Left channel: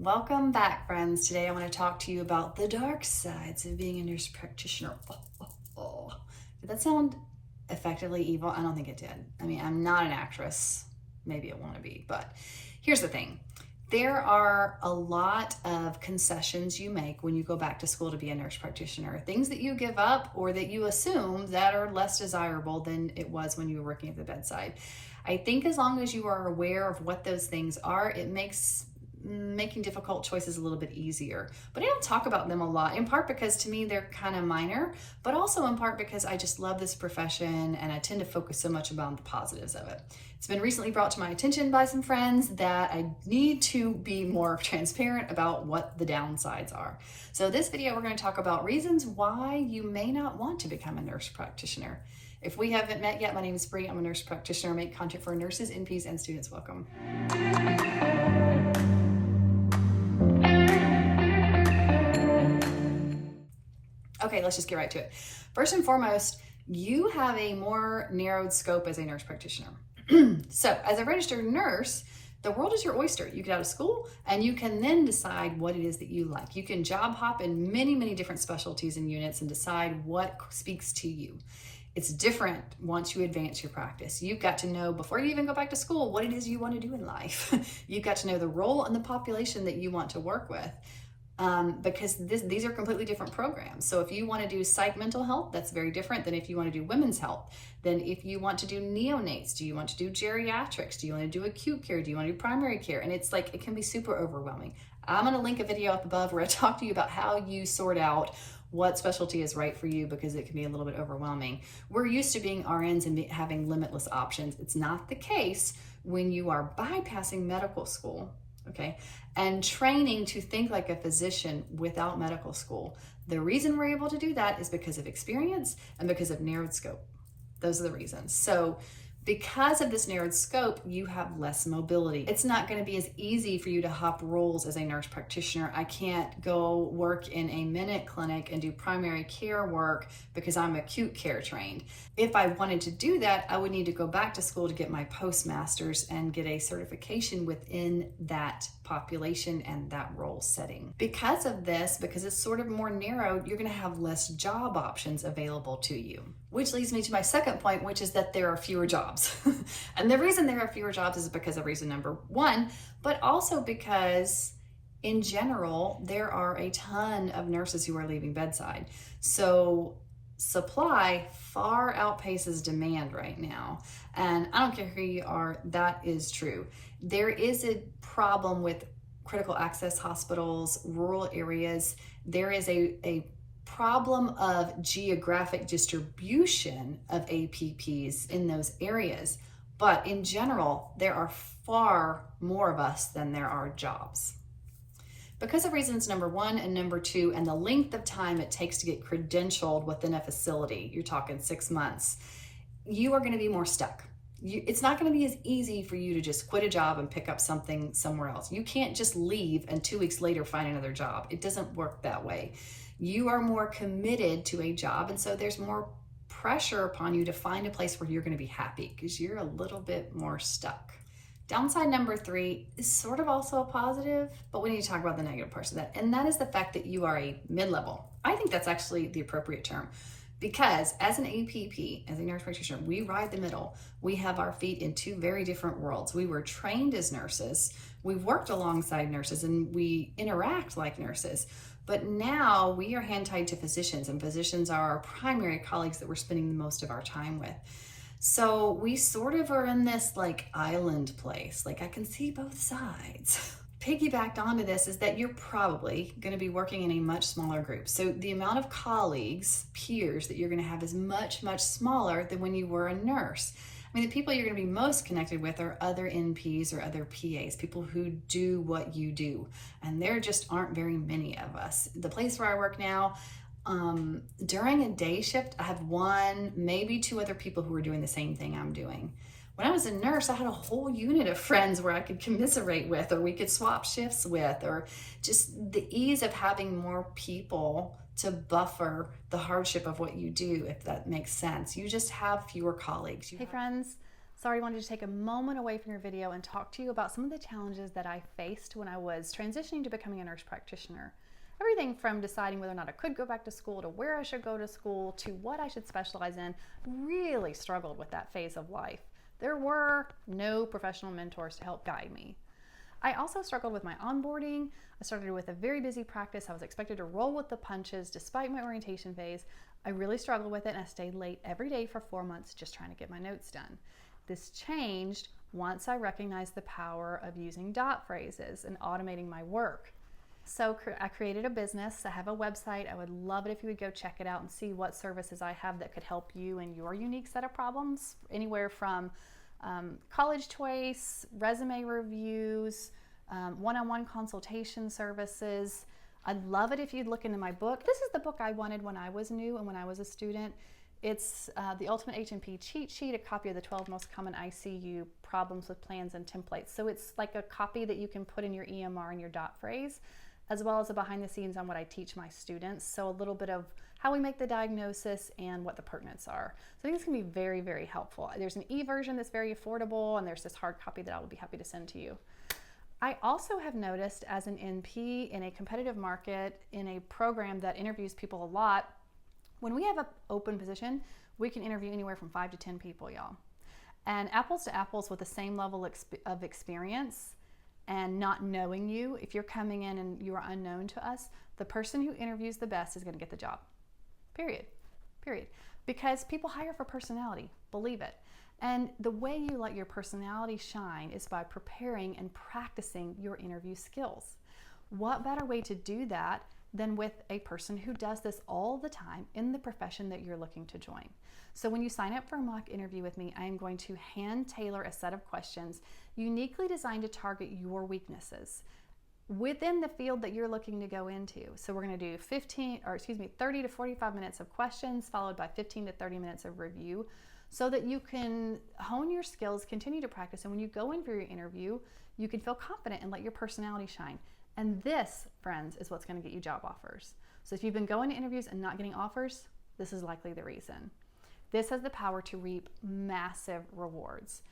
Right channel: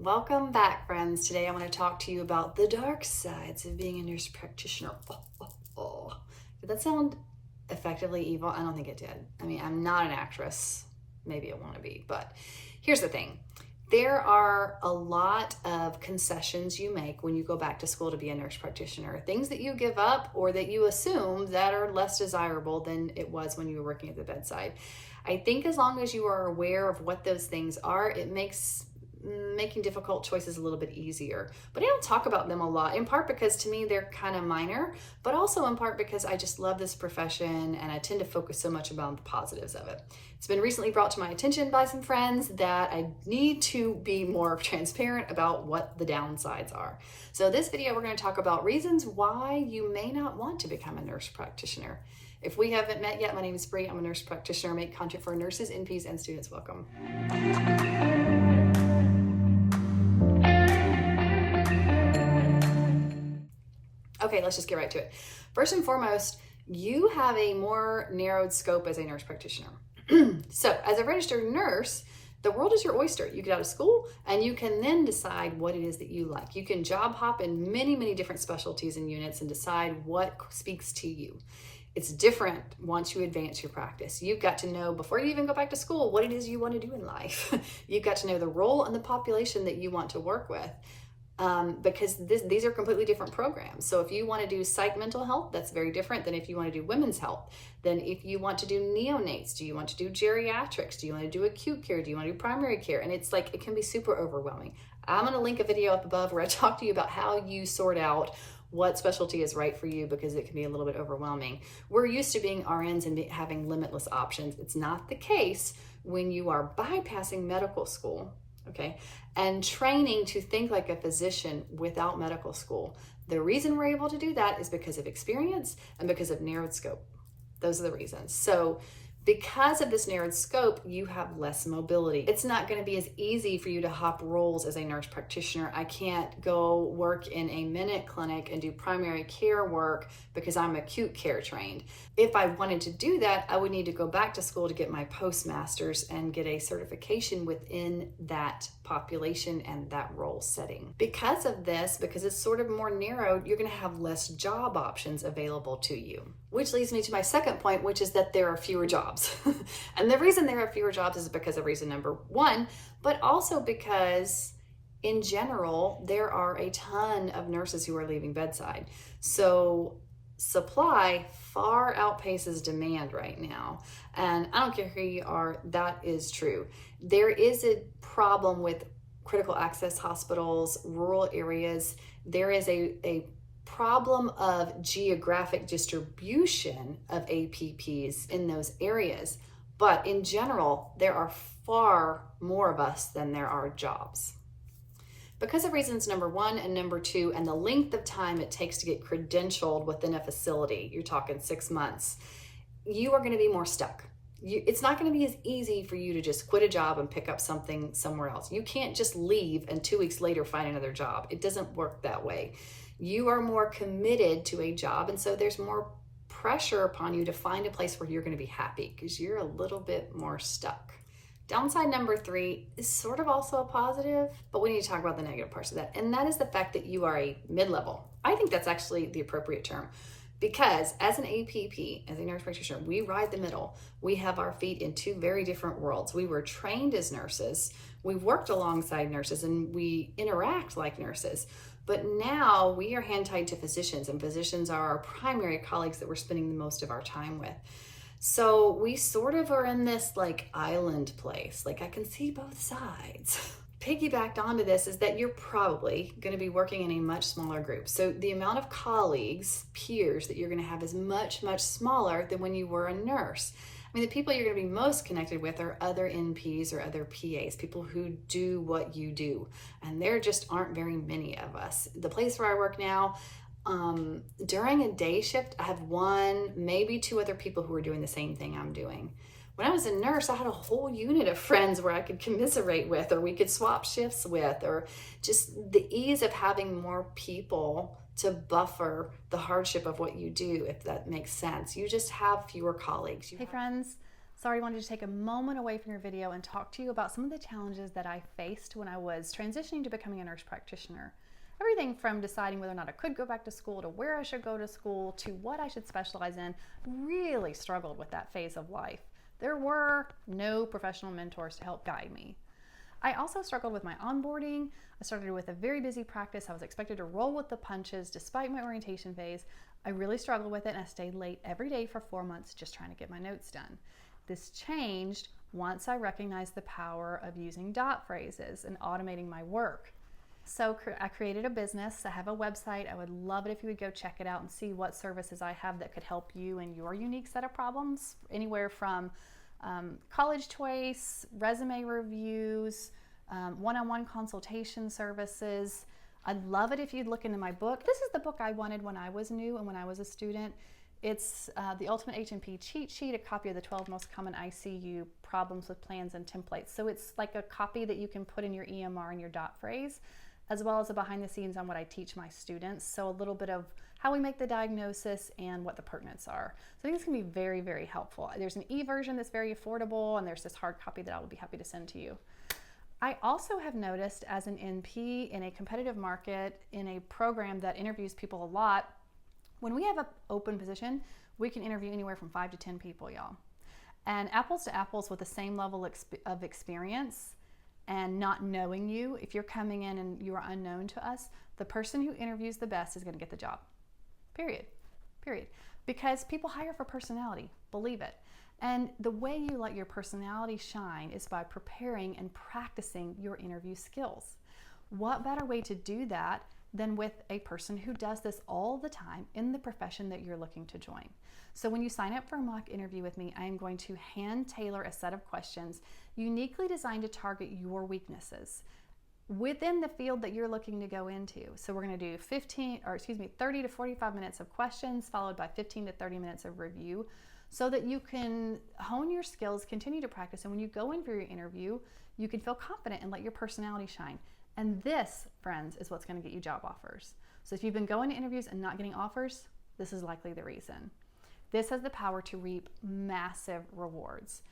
Welcome back, friends. Today I want to talk to you about the dark sides of being a nurse practitioner. Did that sound effectively evil? I don't think it did. I mean, I'm not an actress. Maybe I want to be, but here's the thing. There are a lot of concessions you make when you go back to school to be a nurse practitioner. Things that you give up or that you assume that are less desirable than it was when you were working at the bedside. I think as long as you are aware of what those things are, it makes making difficult choices a little bit easier. But I don't talk about them a lot, in part because to me they're kind of minor, but also in part because I just love this profession and I tend to focus so much about the positives of it. It's been recently brought to my attention by some friends that I need to be more transparent about what the downsides are. So this video we're going to talk about reasons why you may not want to become a nurse practitioner. If we haven't met yet, my name is Bree. I'm a nurse practitioner. I make content for nurses, NPs, and students. Welcome. Okay, let's just get right to it. First and foremost, you have a more narrowed scope as a nurse practitioner. So as a registered nurse, the world is your oyster. You get out of school and you can then decide what it is that you like. You can job hop in many, many different specialties and units and decide what speaks to you. It's different once you advance your practice. You've got to know before you even go back to school what it is you want to do in life. You've got to know the role and the population that you want to work with. Because these are completely different programs. So if you want to do psych mental health, that's very different than if you want to do women's health. Then if you want to do neonates, do you want to do geriatrics? Do you want to do acute care? Do you want to do primary care? And it's like, it can be super overwhelming. I'm going to link a video up above where I talk to you about how you sort out what specialty is right for you, because it can be a little bit overwhelming. We're used to being RNs and having limitless options. It's not the case when you are bypassing medical school. Okay, and training to think like a physician without medical school. The reason we're able to do that is because of experience and because of narrowed scope. Those are the reasons. So because of this narrowed scope, you have less mobility. It's not going to be as easy for you to hop roles as a nurse practitioner. I can't go work in a minute clinic and do primary care work because I'm acute care trained. If I wanted to do that, I would need to go back to school to get my postmasters and get a certification within that population and that role setting. Because of this, because it's sort of more narrowed, you're going to have less job options available to you. Which leads me to my second point, which is that there are fewer jobs. And the reason there are fewer jobs is because of reason number one, but also because in general, there are a ton of nurses who are leaving bedside. So supply far outpaces demand right now. And I don't care who you are, that is true. There is a problem with critical access hospitals, rural areas. There is a problem of geographic distribution of APPs in those areas. But in general, there are far more of us than there are jobs. Because of reasons number one and number two, and the length of time it takes to get credentialed within a facility, you're talking 6 months, you are going to be more stuck. It's not going to be as easy for you to just quit a job and pick up something somewhere else. You can't just leave and 2 weeks later find another job. It doesn't work that way. You are more committed to a job, and so there's more pressure upon you to find a place where you're going to be happy because you're a little bit more stuck. Downside number three is sort of also a positive, but we need to talk about the negative parts of that, and that is the fact that you are a mid-level. I think that's actually the appropriate term. Because as an APP, as a nurse practitioner, we ride the middle. We have our feet in two very different worlds. We were trained as nurses, we worked alongside nurses, and we interact like nurses. But now we are hand-tied to physicians, and physicians are our primary colleagues that we're spending the most of our time with. So we sort of are in this like island place. Like, I can see both sides. Piggybacked onto this is that you're probably going to be working in a much smaller group. So the amount of colleagues, peers that you're going to have is much, much smaller than when you were a nurse. I mean, the people you're going to be most connected with are other NPs or other PAs, people who do what you do. And there just aren't very many of us. The place where I work now, during a day shift, I have one, maybe two other people who are doing the same thing I'm doing. When I was a nurse, I had a whole unit of friends where I could commiserate with, or we could swap shifts with, or just the ease of having more people to buffer the hardship of what you do, if that makes sense. You just have fewer colleagues. Hey friends, So I wanted to take a moment away from your video and talk to you about some of the challenges that I faced when I was transitioning to becoming a nurse practitioner. Everything from deciding whether or not I could go back to school to where I should go to school to what I should specialize in. Really struggled with that phase of life. There were no professional mentors to help guide me. I also struggled with my onboarding. I started with a very busy practice. I was expected to roll with the punches despite my orientation phase. I really struggled with it, and I stayed late every day for 4 months just trying to get my notes done. This changed once I recognized the power of using dot phrases and automating my work. So I created a business. I have a website. I would love it if you would go check it out and see what services I have that could help you in your unique set of problems, anywhere from college choice, resume reviews, one-on-one consultation services. I'd love it if you'd look into my book. This is the book I wanted when I was new and when I was a student. It's the Ultimate H&P Cheat Sheet, a copy of the 12 most common ICU problems with plans and templates. So it's like a copy that you can put in your EMR and your dot phrase, as well as a behind the scenes on what I teach my students. So a little bit of how we make the diagnosis and what the pertinents are. So I think it's gonna be very, very helpful. There's an e-version that's very affordable, and there's this hard copy that I will be happy to send to you. I also have noticed as an NP in a competitive market, in a program that interviews people a lot, when we have an open position, we can interview anywhere from 5 to 10 people, y'all. And apples to apples with the same level of experience and not knowing you, if you're coming in and you are unknown to us, the person who interviews the best is gonna get the job, period. Because people hire for personality, believe it. And the way you let your personality shine is by preparing and practicing your interview skills. What better way to do that than with a person who does this all the time in the profession that you're looking to join? So when you sign up for a mock interview with me, I am going to hand tailor a set of questions uniquely designed to target your weaknesses within the field that you're looking to go into. So we're going to do 30 to 45 minutes of questions followed by 15 to 30 minutes of review so that you can hone your skills, continue to practice, and when you go in for your interview, you can feel confident and let your personality shine. And this, friends, is what's going to get you job offers. So if you've been going to interviews and not getting offers, this is likely the reason. This has the power to reap massive rewards.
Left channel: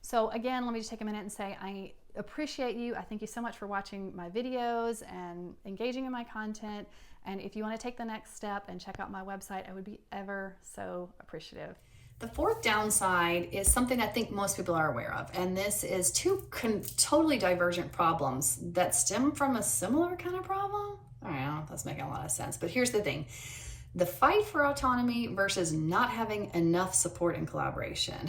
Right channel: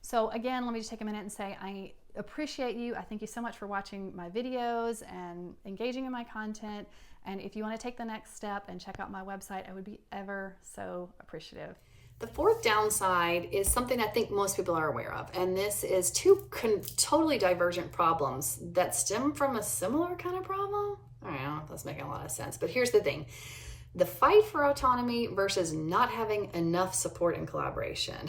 So again, let me just take a minute and say I appreciate you. I thank you so much for watching my videos and engaging in my content. And if you want to take the next step and check out my website, I would be ever so appreciative. The fourth downside is something I think most people are aware of, and this is two totally divergent problems that stem from a similar kind of problem. I don't know, that's making a lot of sense, but here's the thing. The fight for autonomy versus not having enough support and collaboration.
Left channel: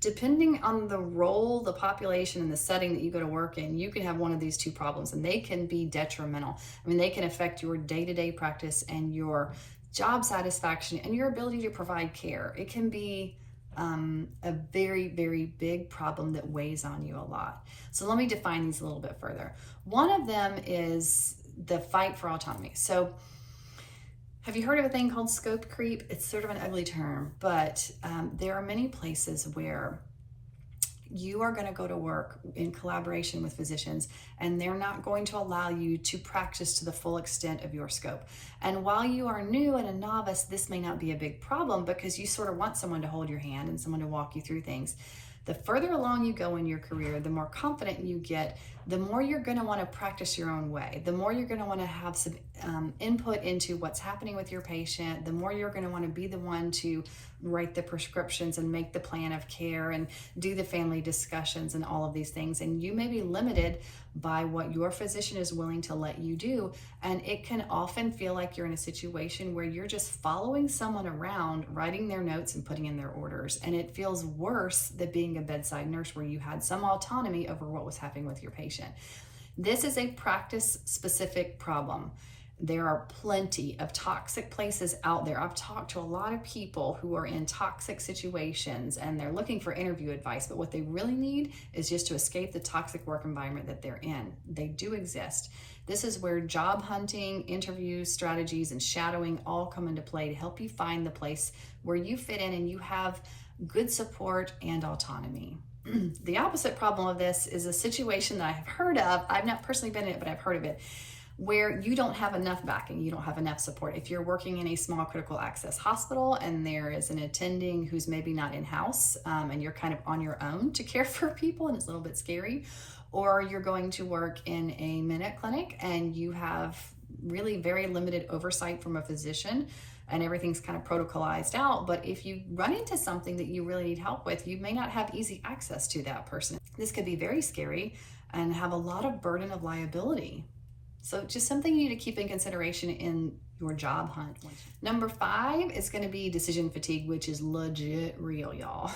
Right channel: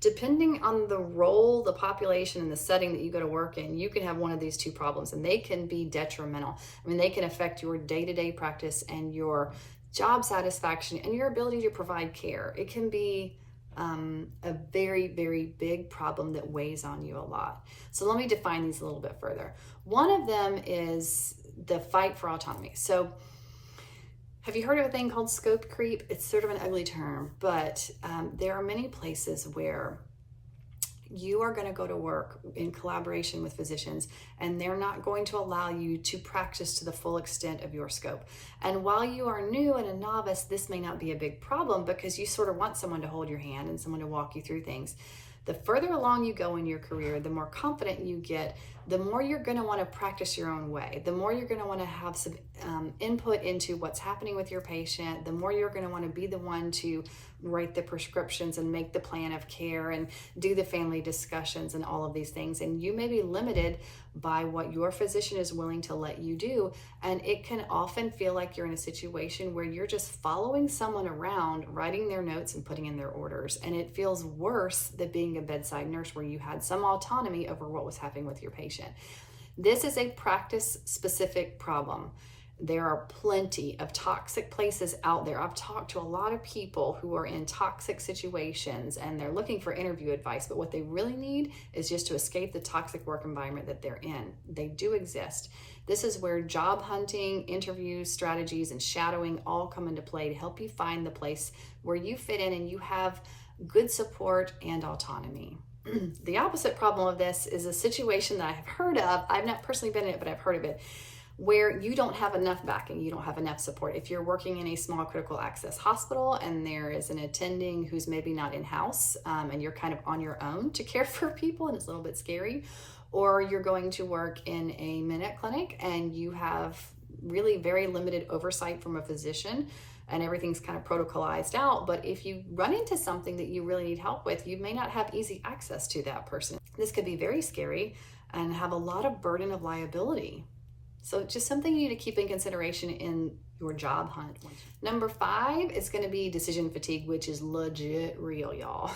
Depending on the role, the population, and the setting that you go to work in, you can have one of these two problems, and they can be detrimental. I mean, they can affect your day-to-day practice and your job satisfaction and your ability to provide care. It can be a very, very big problem that weighs on you a lot. So let me define these a little bit further. One of them is the fight for autonomy. So have you heard of a thing called scope creep? It's sort of an ugly term, but there are many places where you are going to go to work in collaboration with physicians, and they're not going to allow you to practice to the full extent of your scope. And while you are new and a novice, this may not be a big problem because you sort of want someone to hold your hand and someone to walk you through things. The further along you go in your career, the more confident you get, the more you're going to want to practice your own way, the more you're going to want to have some input into what's happening with your patient, the more you're going to want to be the one to write the prescriptions and make the plan of care and do the family discussions and all of these things. And you may be limited by what your physician is willing to let you do. And it can often feel like you're in a situation where you're just following someone around, writing their notes and putting in their orders. And it feels worse than being a bedside nurse where you had some autonomy over what was happening with your patient. This is a practice-specific problem. There are plenty of toxic places out there. I've talked to a lot of people who are in toxic situations and they're looking for interview advice, but what they really need is just to escape the toxic work environment that they're in. They do exist. This is where job hunting, interview strategies, and shadowing all come into play to help you find the place where you fit in and you have good support and autonomy. The opposite problem of this is a situation that I have heard of. I've not personally been in it, but I've heard of it, where you don't have enough backing, you don't have enough support. If you're working in a small critical access hospital and there is an attending who's maybe not in-house, and you're kind of on your own to care for people and it's a little bit scary, or you're going to work in a minute clinic and you have really very limited oversight from a physician and everything's kind of protocolized out. But if you run into something that you really need help with, you may not have easy access to that person. This could be very scary and have a lot of burden of liability. So just something you need to keep in consideration in your job hunt. Number 5 is going to be decision fatigue, which is legit real, y'all.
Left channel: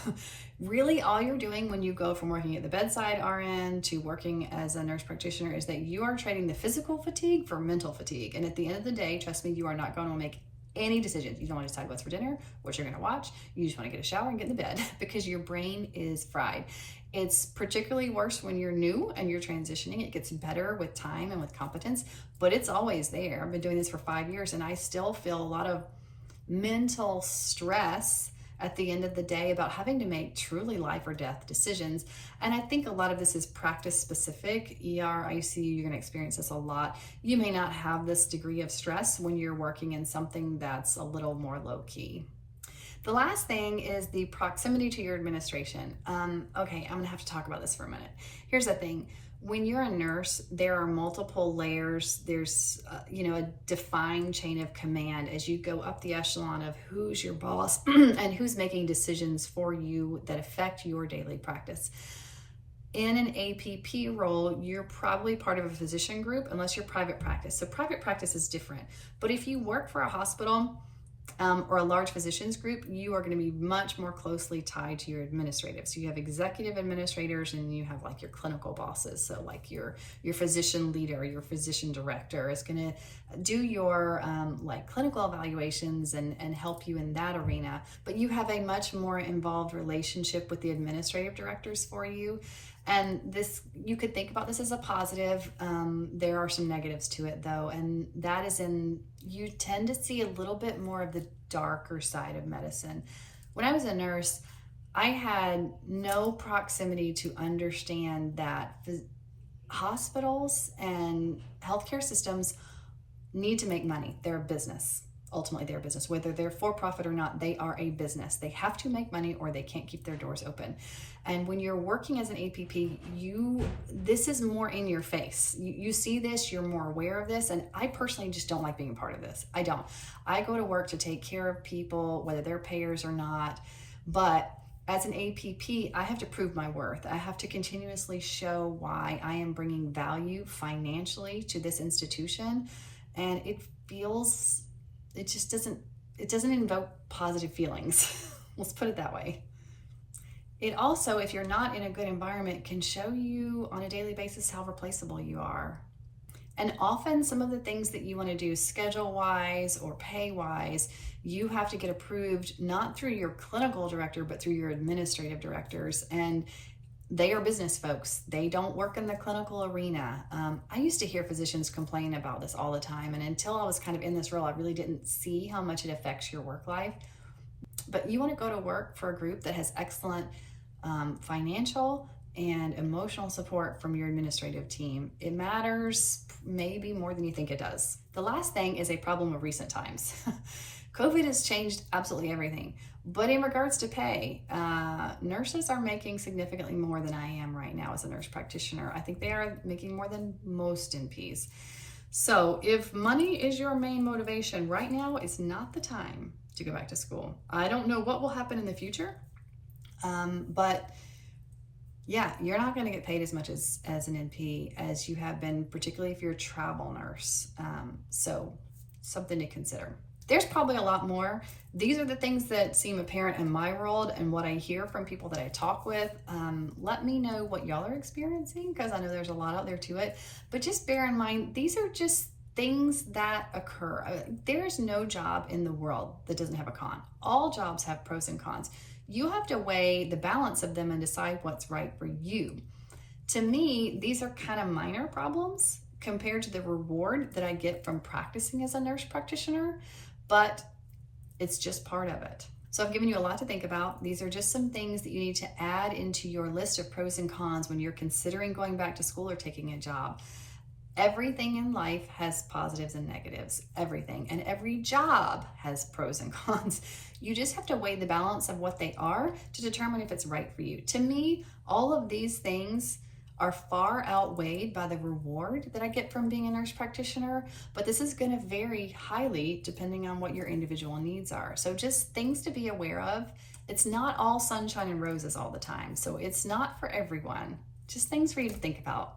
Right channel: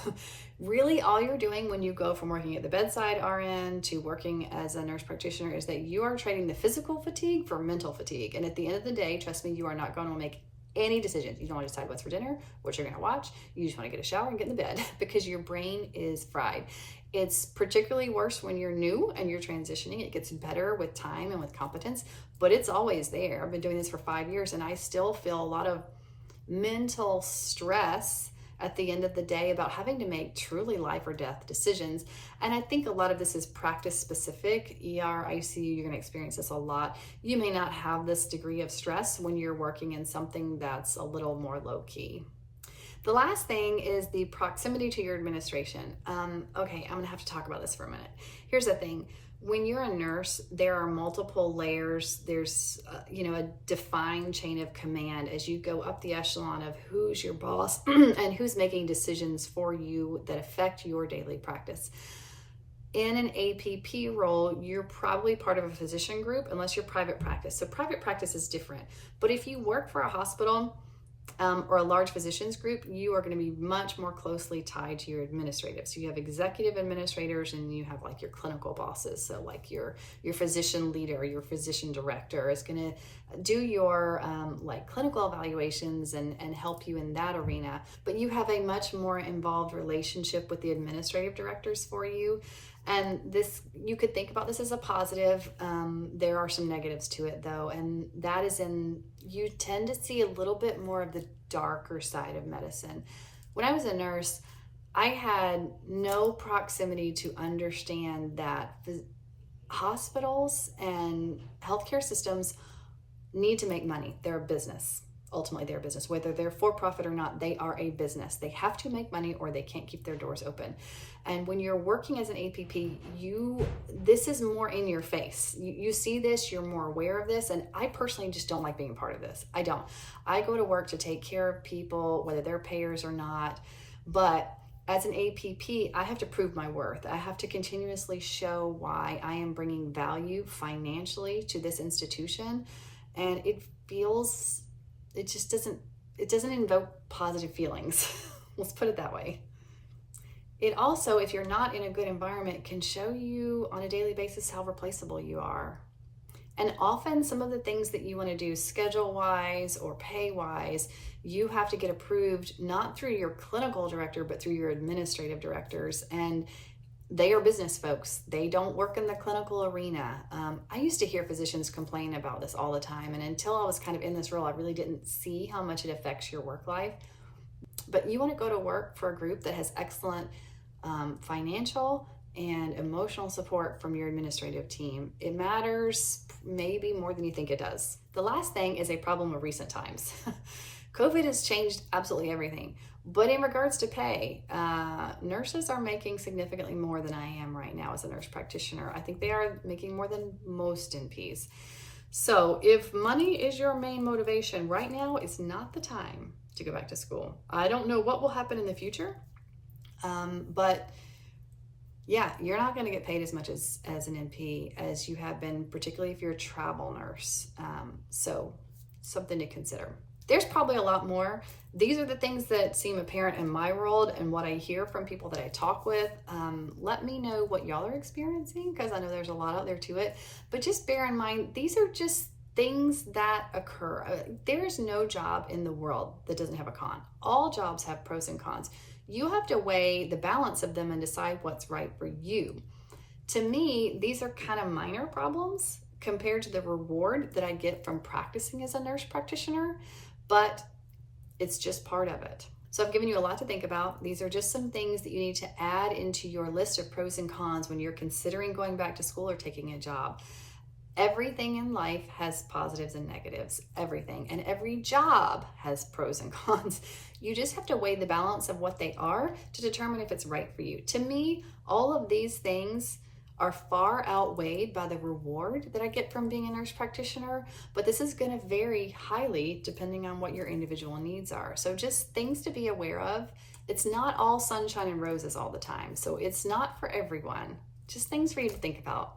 Really, all you're doing when you go from working at the bedside RN to working as a nurse practitioner is that you are trading the physical fatigue for mental fatigue. And at the end of the day, trust me, you are not going to make any decisions. You don't want to decide what's for dinner, what you're going to watch. You just want to get a shower and get in the bed because your brain is fried. It's particularly worse when you're new and you're transitioning. It gets better with time and with competence, but it's always there. I've been doing this for 5 years and I still feel a lot of mental stress at the end of the day about having to make truly life or death decisions. And I think a lot of this is practice specific. ER, ICU, you're going to experience this a lot. You may not have this degree of stress when you're working in something that's a little more low key. The last thing is the proximity to your administration. Okay, I'm gonna have to talk about this for a minute. Here's the thing. When you're a nurse, there are multiple layers. There's a defined chain of command as you go up the echelon of who's your boss and who's making decisions for you that affect your daily practice. In an APP role, you're probably part of a physician group unless you're private practice. So private practice is different. But if you work for a hospital, or a large physicians group, you are going to be much more closely tied to your administrative. So you have executive administrators and you have like your clinical bosses. So like your physician leader, your physician director is going to do your like clinical evaluations and help you in that arena. But you have a much more involved relationship with the administrative directors for you. And this, you could think about this as a positive. There are some negatives to it though, and that is you tend to see a little bit more of the darker side of medicine. When I was a nurse, I had no proximity to understand that hospitals and healthcare systems need to make money. They're a business. Ultimately, they're a business. Whether they're for profit or not, they are a business. They have to make money or they can't keep their doors open. And when you're working as an APP, this is more in your face. You see this, you're more aware of this. And I personally just don't like being a part of this. I don't. I go to work to take care of people, whether they're payers or not. But as an APP, I have to prove my worth. I have to continuously show why I am bringing value financially to this institution. And it doesn't invoke positive feelings. Let's put it that way. It also, if you're not in a good environment, can show you on a daily basis how replaceable you are. And often some of the things that you want to do schedule-wise or pay-wise, you have to get approved not through your clinical director, but through your administrative directors. And they are business folks. They don't work in the clinical arena. I used to hear physicians complain about this all the time. And until I was kind of in this role, I really didn't see how much it affects your work life. But you want to go to work for a group that has excellent financial and emotional support from your administrative team. It matters maybe more than you think it does. The last thing is a problem of recent times. COVID has changed absolutely everything. But in regards to pay, nurses are making significantly more than I am right now as a nurse practitioner. I think they are making more than most NPs. So if money is your main motivation, right now is not the time to go back to school. I don't know what will happen in the future, but yeah, you're not going to get paid as much as an NP as you have been, particularly if you're a travel nurse. So something to consider. There's probably a lot more. These are the things that seem apparent in my world and what I hear from people that I talk with. Let me know what y'all are experiencing, because I know there's a lot out there to it. But just bear in mind, these are just things that occur. There's no job in the world that doesn't have a con. All jobs have pros and cons. You have to weigh the balance of them and decide what's right for you. To me, these are kind of minor problems compared to the reward that I get from practicing as a nurse practitioner, but it's just part of it. So I've given you a lot to think about. These are just some things that you need to add into your list of pros and cons when you're considering going back to school or taking a job. Everything in life has positives and negatives, everything. And every job has pros and cons. You just have to weigh the balance of what they are to determine if it's right for you. To me, all of these things are far outweighed by the reward that I get from being a nurse practitioner, but this is going to vary highly depending on what your individual needs are. So just things to be aware of. It's not all sunshine and roses all the time. So it's not for everyone. Just things for you to think about.